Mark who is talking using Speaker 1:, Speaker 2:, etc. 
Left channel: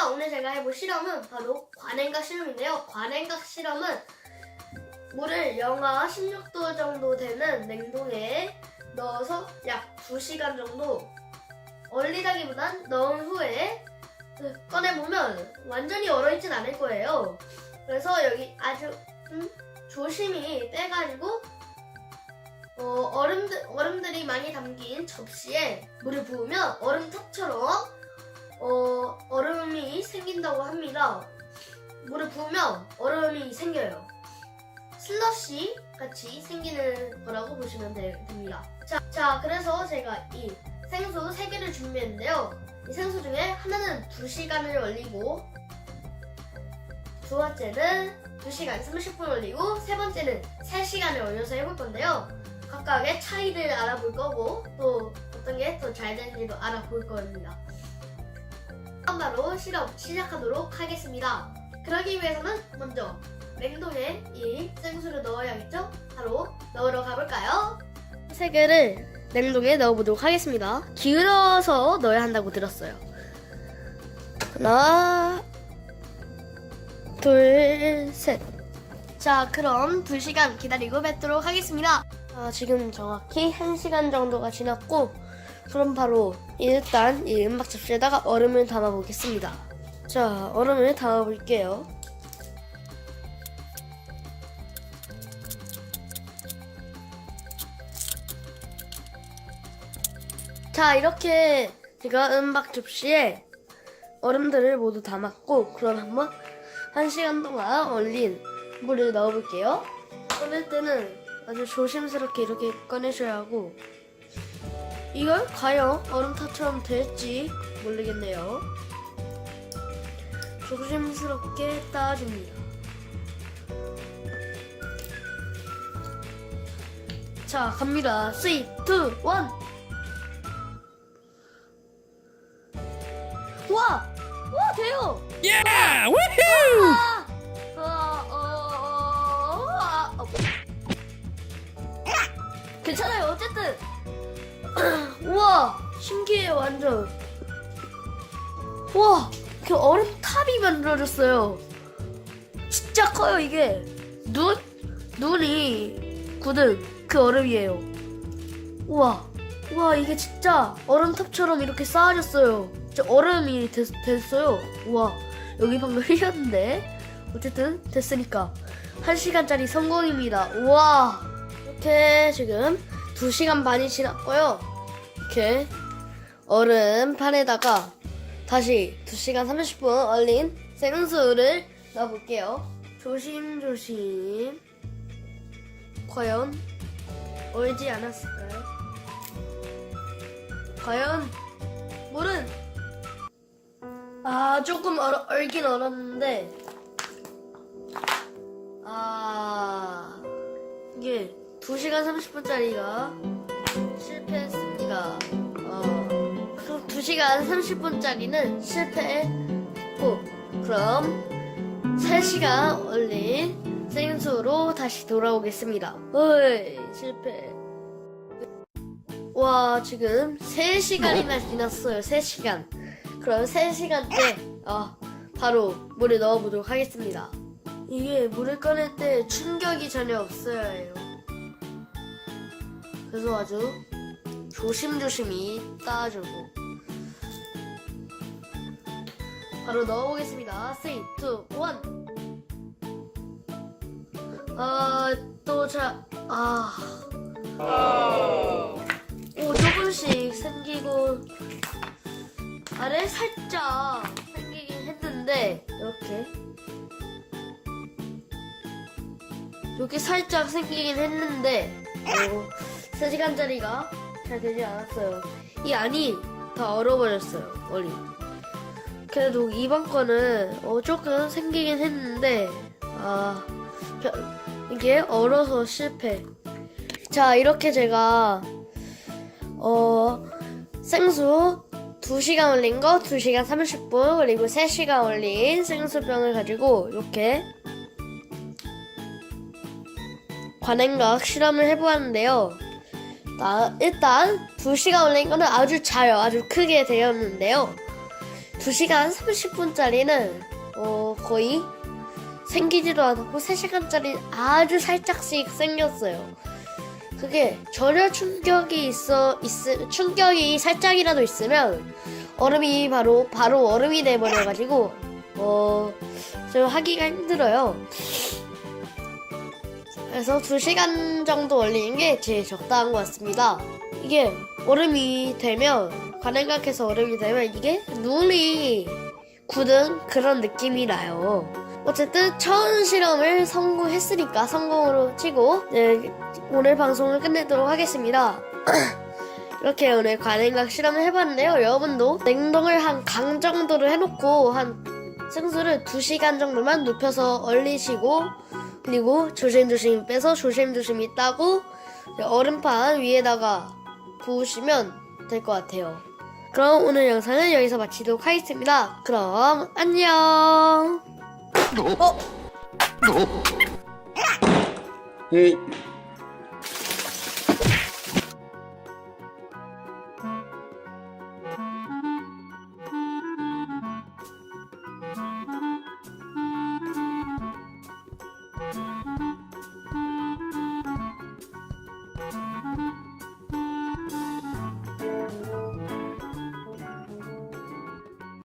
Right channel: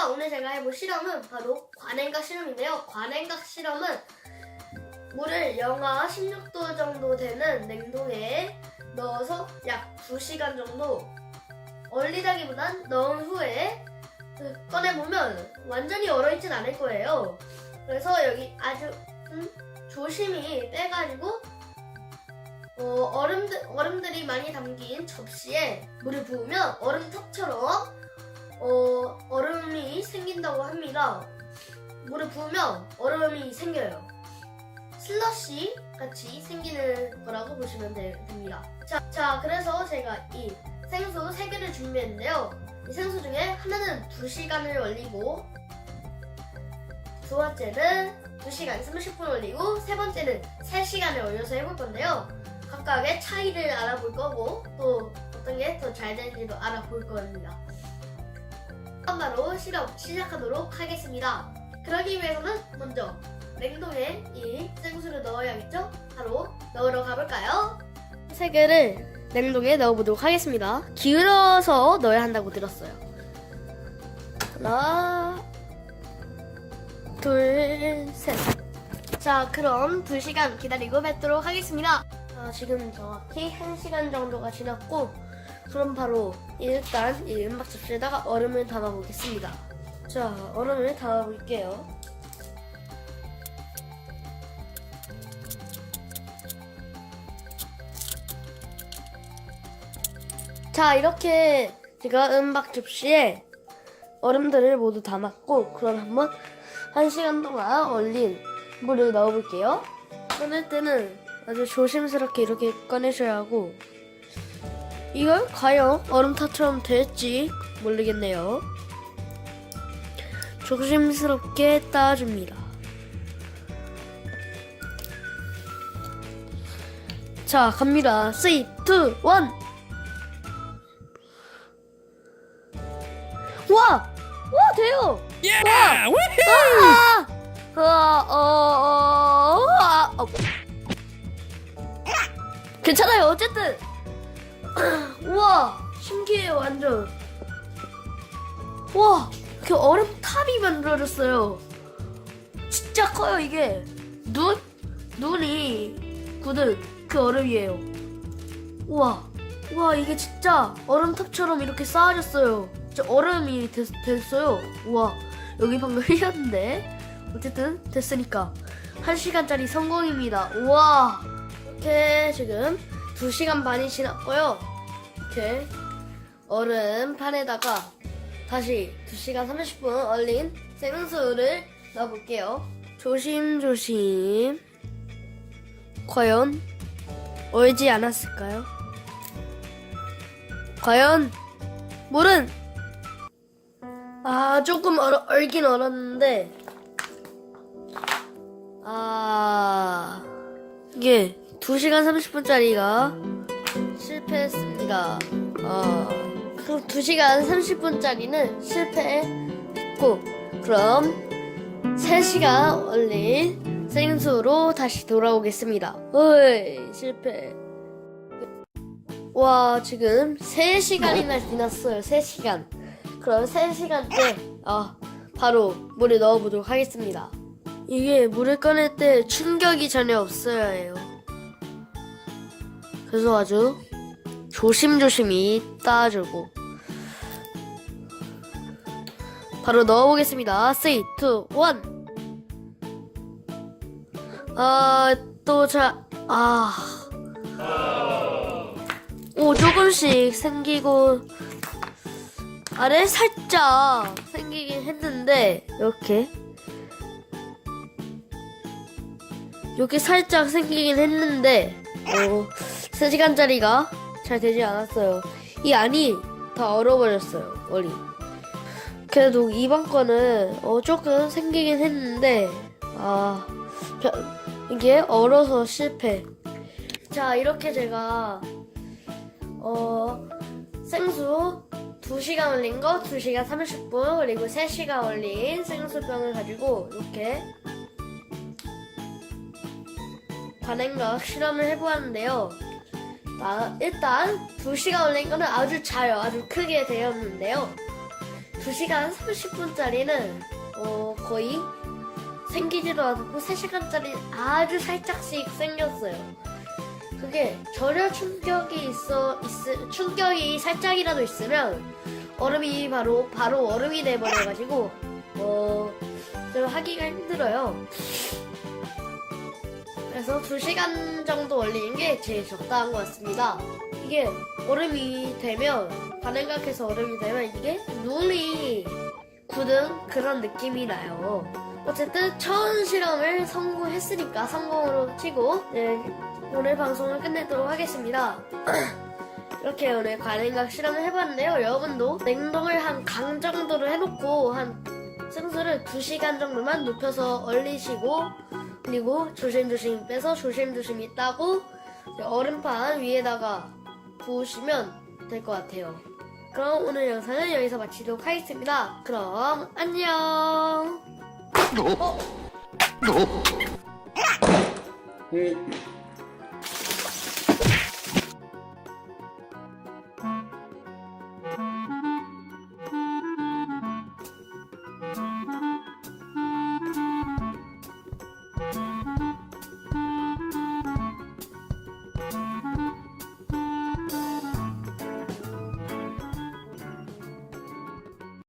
Speaker 1: 그래서 오늘 제가 해볼 실험은 바로 관행각 실험인데요. 관행각 실험은 물을 영하 16도 정도 되는 냉동에 넣어서 약 2시간 정도 얼리다기보단 넣은 후에 꺼내보면 완전히 얼어있진 않을 거예요. 그래서 여기 아주 음, 조심히 떼가지고 어, 얼음들, 얼음들이 많이 담긴 접시에 물을 부으면 얼음탑처럼 어, 얼음이 생긴다고 합니다. 물을 부으면 얼음이 생겨요. 슬러시 같이 생기는 거라고 보시면 되, 됩니다. 자, 자, 그래서 제가 이 생수 3개를 준비했는데요. 이 생수 중에 하나는 2시간을 얼리고 두 번째는 2시간 30분 얼리고 세 번째는 3시간을 얼려서 해볼 건데요. 각각의 차이를 알아볼 거고 또 어떤 게 더 잘 되는지도 알아볼 겁니다. 바로 실험 시작하도록 하겠습니다. 그러기 위해서는 먼저 냉동에 이 생수를 넣어야겠죠? 바로 넣으러 가볼까요? 세 개를 냉동에 넣어보도록 하겠습니다. 기울여서 넣어야 한다고 들었어요. 하나, 둘, 셋. 자, 그럼 2시간 기다리고 뵙도록 하겠습니다. 아, 지금 정확히 1시간 정도가 지났고, 그럼 바로 일단 이 은박 접시에다가 얼음을 담아 보겠습니다. 자, 얼음을 담아 볼게요. 자, 이렇게 제가 은박 접시에 얼음들을 모두 담았고, 그럼 한번 한 시간 동안 얼린 물을 넣어볼게요. 꺼낼 때는 아주 조심스럽게 이렇게 꺼내셔야 하고, 이걸 과연 얼음탑처럼 될지 모르겠네요. 조심스럽게 따줍니다. 자, 갑니다. 3, 2, 1. 와! 와, 돼요!
Speaker 2: Yeah! Woohoo!
Speaker 1: 아! 아, 어, 어, 아, 어. 괜찮아요, 어쨌든. 우와, 신기해요, 완전. 와, 그 얼음 탑이 만들어졌어요. 진짜 커요, 이게. 눈? 눈이 굳은 그 얼음이에요. 우와, 우와, 이게 진짜 얼음 탑처럼 이렇게 쌓아졌어요. 진짜 얼음이 됐, 됐어요. 우와, 여기 방금 흘렸는데. 어쨌든 됐으니까 한 시간짜리 성공입니다. 우와 이렇게 지금 2시간 반이 지났고요. 이렇게 얼음판에다가 다시 2시간 30분 얼린 생수를 넣어볼게요. 조심조심 과연 얼지 않았을까요? 과연 물은 아 조금 얼, 얼긴 얼었는데 아, 이게 2시간 30분짜리가 실패했습니다. 어, 그럼 2시간 30분짜리는 실패했고, 그럼 3시간 얼린 생수로 다시 돌아오겠습니다. 어이, 실패. 와, 지금 3시간이나 지났어요. 3시간. 그럼 3시간 때, 아, 바로 물에 넣어보도록 하겠습니다. 이게 물을 꺼낼 때 충격이 전혀 없어야 해요. 그래서 아주 조심조심히 따주고 바로 넣어보겠습니다. 3, 2, 1 아, 또 자, 아. 오, 조금씩 생기고 아래 살짝 생기긴 했는데 이렇게 이렇게 살짝 생기긴 했는데 어, 3시간짜리가 잘 되지 않았어요. 이 안이 다 얼어버렸어요. 머리. 그래도 이번 거는 어, 조금 생기긴 했는데 아 벼- 이게 얼어서 실패. 자 이렇게 제가 어 생수 2시간 얼린 거 2시간 30분 그리고 3시간 얼린 생수병을 가지고 이렇게 관행각 실험을 해보았는데요. 아, 일단 2시간 걸린 거는 아주 자요. 아주 크게 되었는데요. 2시간 30분짜리는 어, 거의 생기지도 않고 3시간짜리 아주 살짝씩 생겼어요. 그게 전혀 충격이 있어 있 충격이 살짝이라도 있으면 얼음이 바로 바로 얼음이 돼 버려 가지고 어 좀 하기가 힘들어요. 그래서 2시간 정도 올리는 게 제일 적당한 것 같습니다. 이게 얼음이 되면 가능각해서 얼음이 되면 이게 눈이 굳은 그런 느낌이 나요. 어쨌든 처음 실험을 성공했으니까 성공으로 치고 네, 오늘 방송을 끝내도록 하겠습니다. 이렇게 오늘 관행각 실험을 해봤는데요. 여러분도 냉동을 한 강 정도를 해놓고 한 생수를 2시간 정도만 눕혀서 얼리시고 그리고 조심조심 빼서 조심조심히 따고 얼음판 위에다가 부으시면 될 것 같아요. 그럼 오늘 영상은 여기서 마치도록 하겠습니다. 그럼 안녕.
Speaker 3: 어?